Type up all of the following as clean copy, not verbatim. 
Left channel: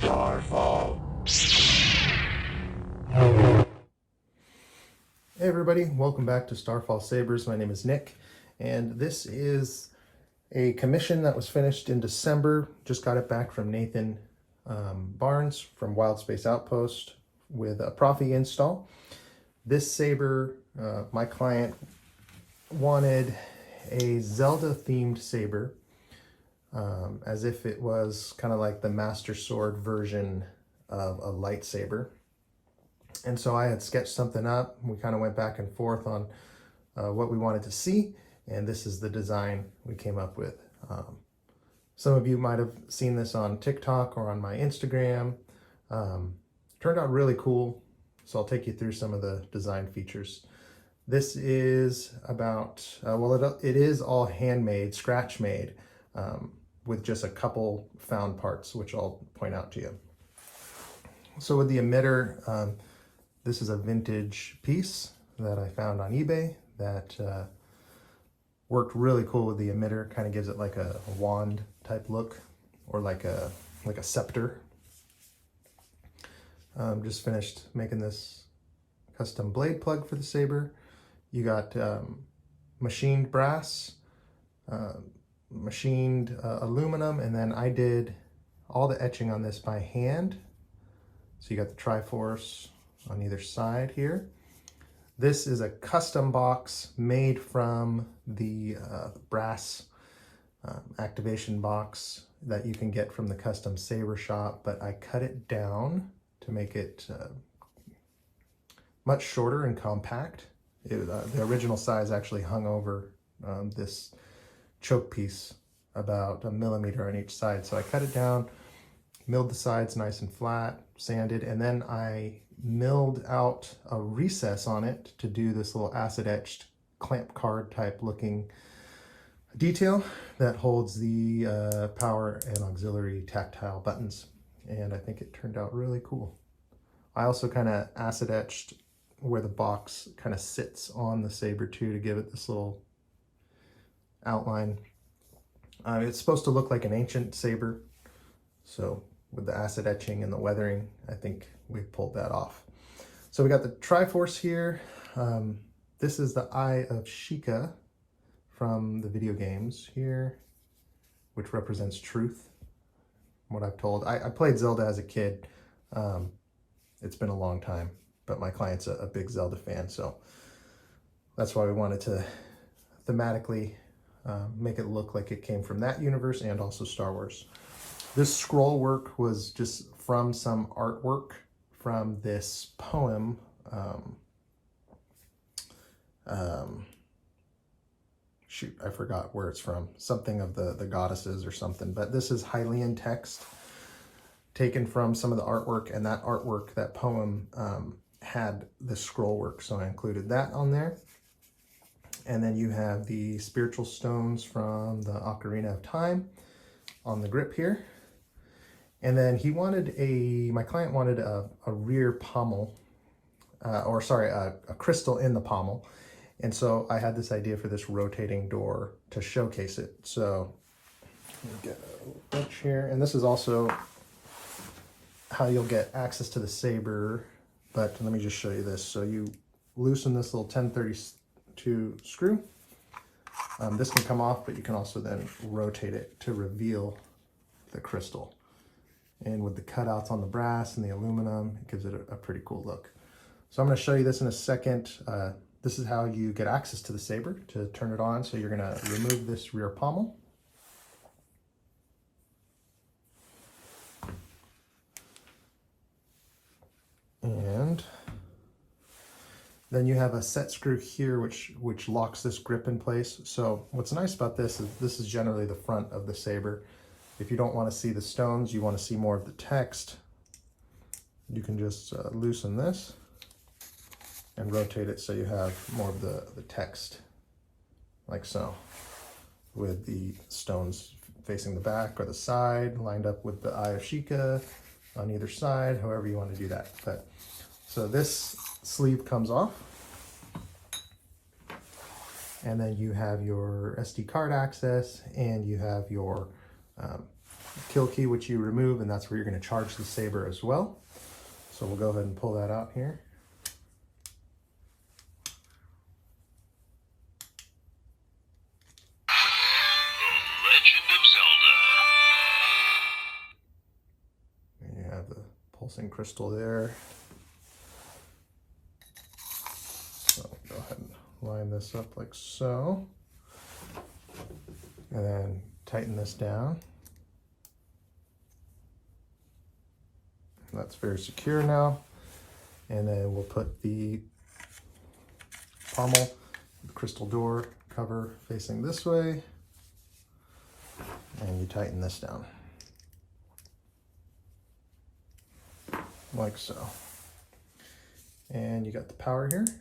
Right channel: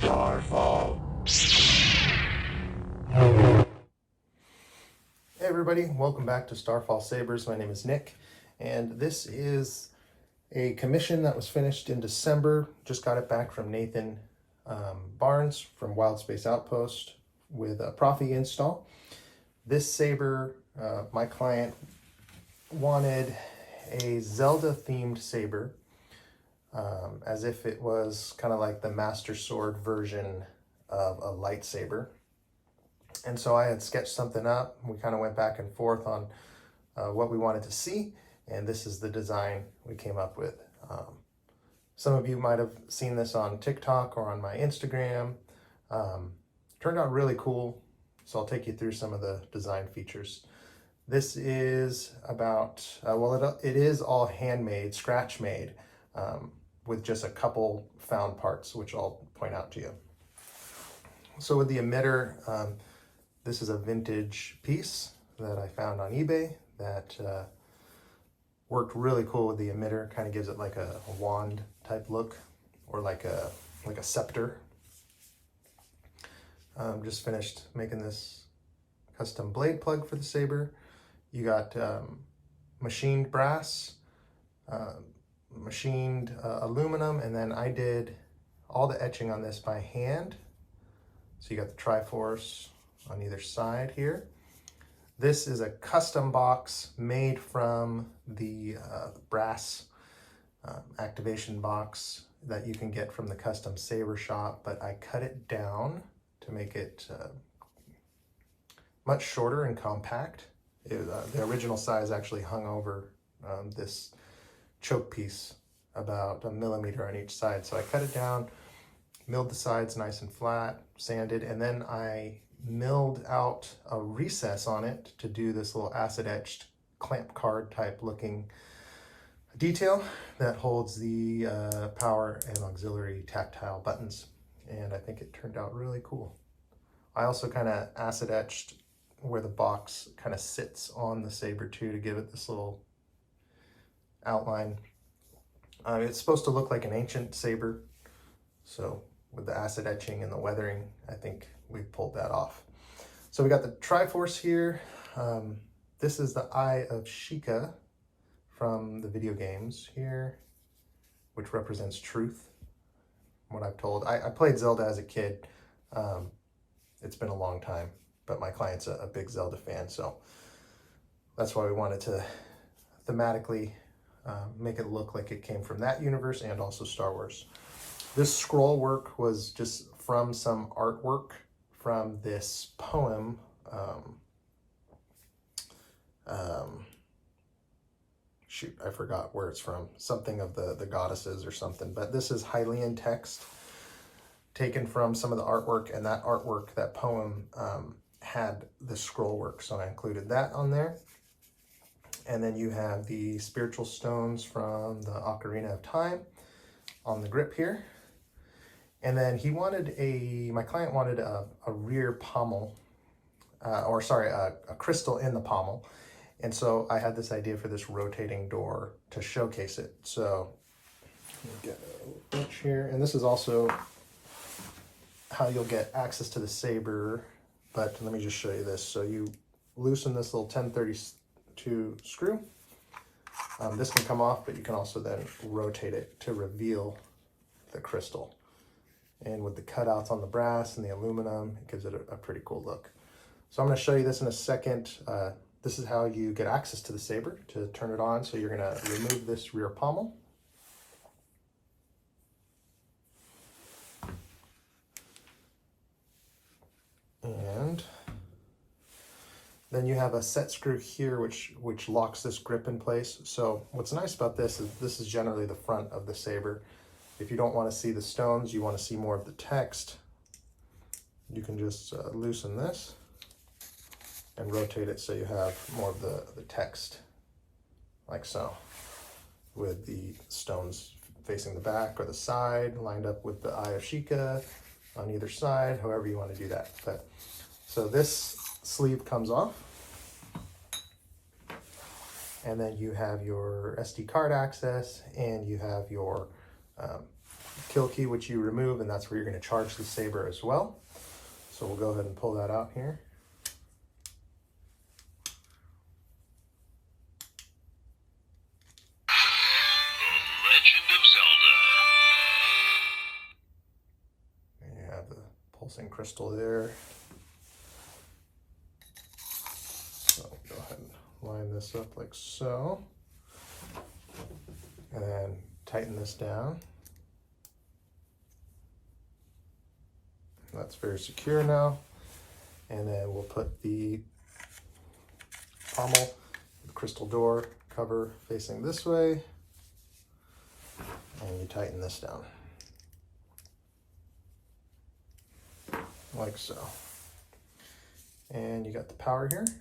Starfall. Hey everybody, welcome back to Starfall Sabers. My name is Nick, and this is a commission that was finished in December. Just got it back from Nathan Barnes from Wild Space Outpost with a Profi install. This saber, my client wanted a Zelda themed saber, as if it was kind of like the Master Sword version of a lightsaber. And so I had sketched something up. We kind of went back and forth on what we wanted to see, and this is the design we came up with. Some of you might have seen this on TikTok or on my Instagram. Turned out really cool, so I'll take you through some of the design features. This is about, it is all handmade, scratch made, with just a couple found parts, which I'll point out to you. So with the emitter, this is a vintage piece that I found on eBay that worked really cool with the emitter. Kind of gives it like a wand type look, or like a scepter. Just finished making this custom blade plug for the saber. You got machined brass, machined aluminum, and then I did all the etching on this by hand. So you got the Triforce on either side here. This is a custom box made from the brass activation box that you can get from the custom saber shop, but I cut it down to make it much shorter and compact. The original size actually hung over this choke piece about 1 millimeter on each side, so I cut it down, milled the sides nice and flat, sanded, and then I milled out a recess on it to do this little acid etched clamp card type looking detail that holds the power and auxiliary tactile buttons, and I think it turned out really cool. I also kind of acid etched where the box kind of sits on the saber too, to give it this little outline. It's supposed to look like an ancient saber, so with the acid etching and the weathering, I think we pulled that off. So we got the Triforce here. This is the Eye of Sheikah from the video games here, which represents truth, from what I've told. I played Zelda as a kid. It's been a long time, but my client's a big Zelda fan, so that's why we wanted to thematically make it look like it came from that universe and also Star Wars. This scroll work was just from some artwork from this poem. Shoot, I forgot where it's from. Something of the goddesses or something. But this is Hylian text taken from some of the artwork, and that artwork, that poem, had the scroll work, so I included that on there. And then you have the spiritual stones from the Ocarina of Time on the grip here. And then he wanted my client wanted a rear pommel, a crystal in the pommel. And so I had this idea for this rotating door to showcase it. So we'll get a bunch here. And this is also how you'll get access to the saber. But let me just show you this. So you loosen this little 1032 screw. This can come off, but you can also then rotate it to reveal the crystal. And with the cutouts on the brass and the aluminum, it gives it a pretty cool look. So I'm going to show you this in a second. This is how you get access to the saber to turn it on. So you're going to remove this rear pommel. And then you have a set screw here, which locks this grip in place. So what's nice about this is generally the front of the saber. If you don't want to see the stones, you want to see more of the text, you can just loosen this and rotate it so you have more of the text, like so, with the stones facing the back or the side, lined up with the Eye of Sheikah on either side, however you want to do that. So this sleeve comes off, and then you have your SD card access, and you have your kill key, which you remove, and that's where you're going to charge the saber as well. So we'll go ahead and pull that out here. The Legend of Zelda. And you have the pulsing crystal there. So go ahead and line this up like so. And then tighten this down. That's very secure now. And then we'll put the pommel, the crystal door cover facing this way. And you tighten this down. Like so. And you got the power here. The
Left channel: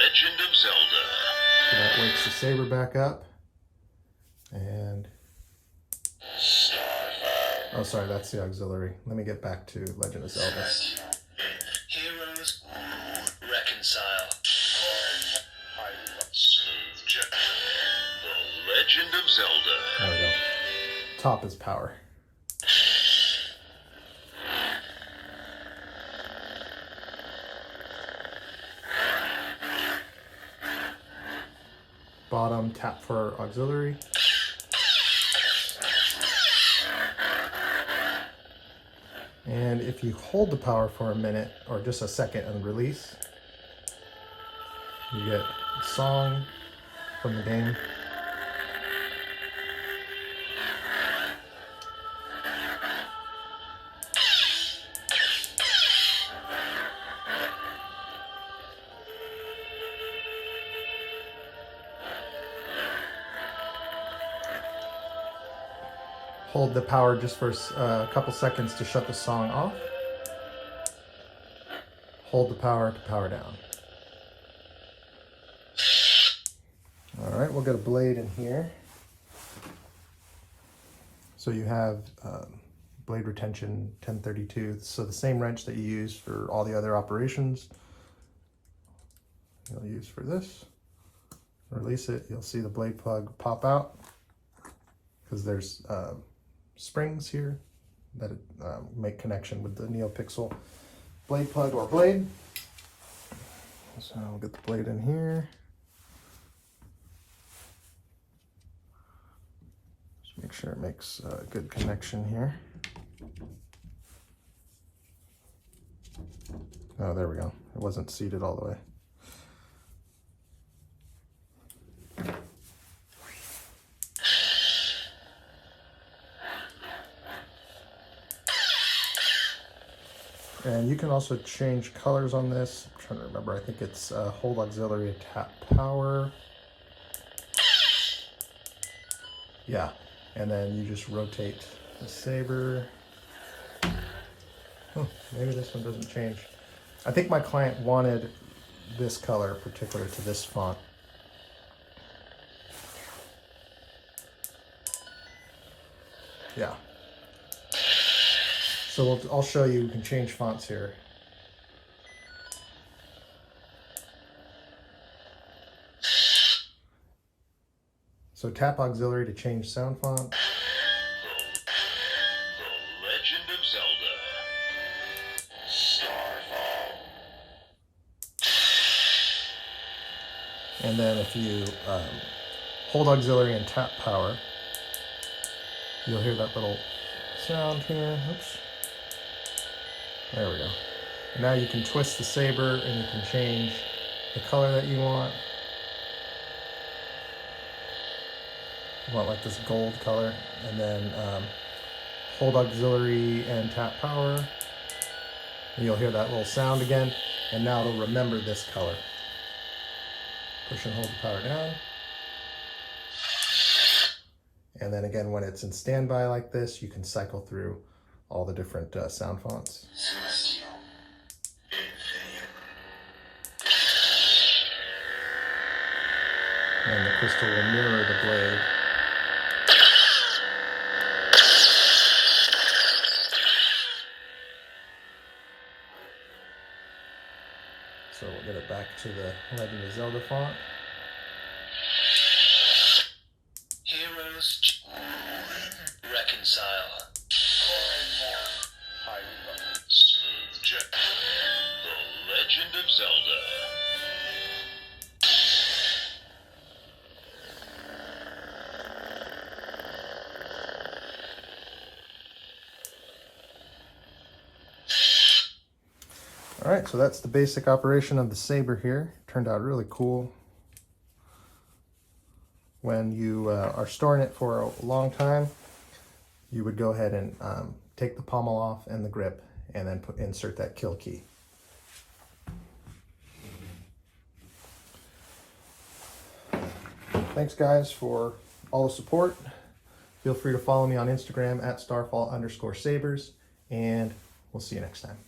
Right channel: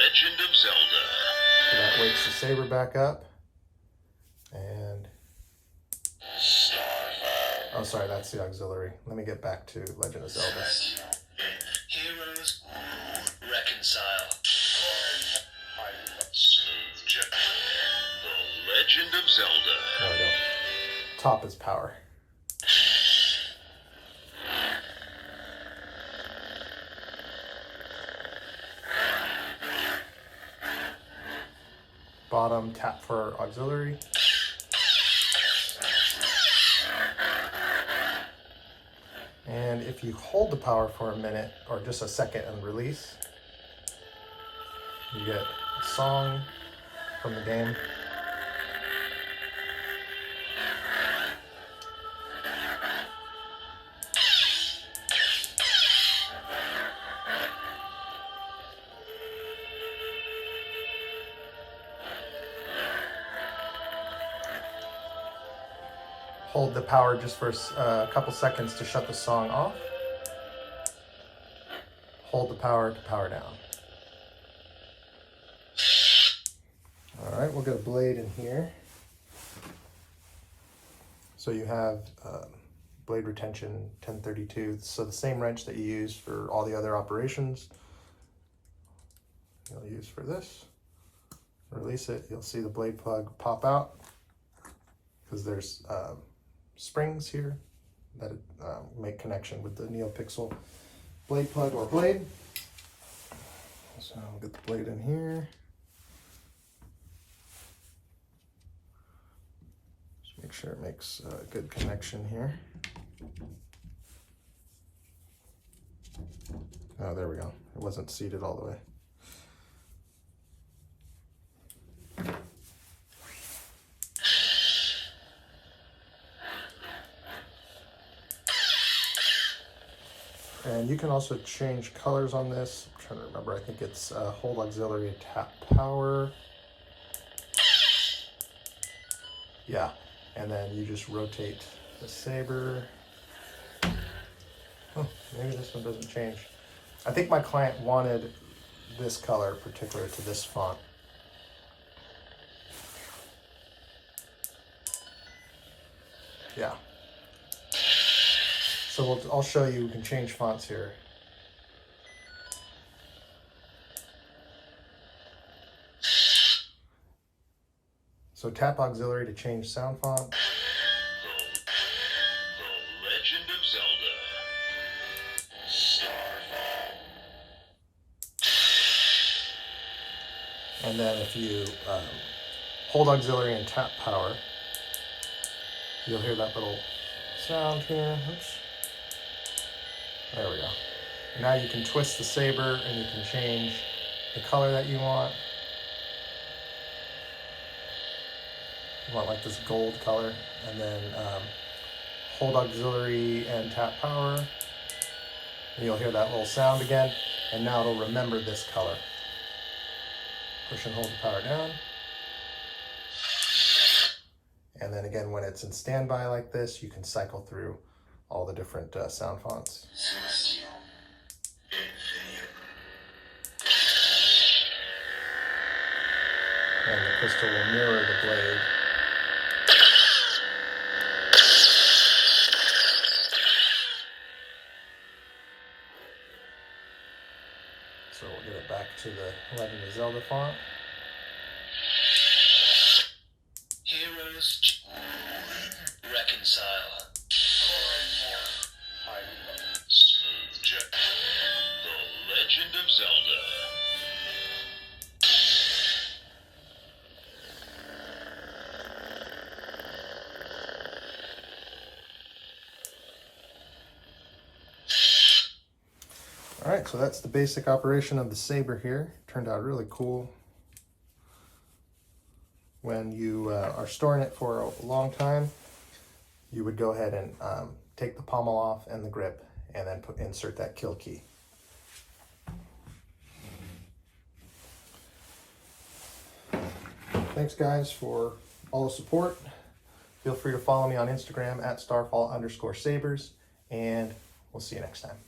Legend of Zelda. So that wakes the saber back up. And oh, sorry, that's the auxiliary. Let me get back to Legend of Zelda. Heroes reconcile. The Legend of Zelda. There we go. Top is power. Bottom, tap for auxiliary. And if you hold the power for a minute or just a second and release, you get a song from the game. Hold the power just for a couple seconds to shut the song off. Hold the power to power down. All right, we'll get a blade in here. So you have blade retention 1032. So the same wrench that you use for all the other operations, you'll use for this. Release it, you'll see the blade plug pop out because there's springs here that make connection with the NeoPixel blade plug or blade. So I'll get the blade in here. Just make sure it makes a good connection here. Oh, there we go. It wasn't seated all the way. And you can also change colors on this. I'm trying to remember, I think it's hold auxiliary, tap power. Yeah, and then you just rotate the saber. Oh, maybe this one doesn't change. I think my client wanted this color particular to this font. Yeah. So I'll show you, we can change fonts here. So tap auxiliary to change sound font. The Legend of Zelda. Starfall. And then if you hold auxiliary and tap power, you'll hear that little sound here. Oops. There we go. Now you can twist the saber and you can change the color that you want. I want like this gold color, and then hold auxiliary and tap power. And you'll hear that little sound again, and now it'll remember this color. Push and hold the power down. And then again, when it's in standby like this, you can cycle through all the different sound fonts. And the crystal will mirror the blade. So we'll get it back to the Legend of Zelda font. Heroes reconcile. Smooth Jack. The Legend of Zelda. All right, so that's the basic operation of the Saber here. Turned out really cool. When you are storing it for a long time, you would go ahead and take the pommel off and the grip, and then insert that kill key. Thanks guys for all the support. Feel free to follow me on Instagram at Starfall_Sabers, and we'll see you next time.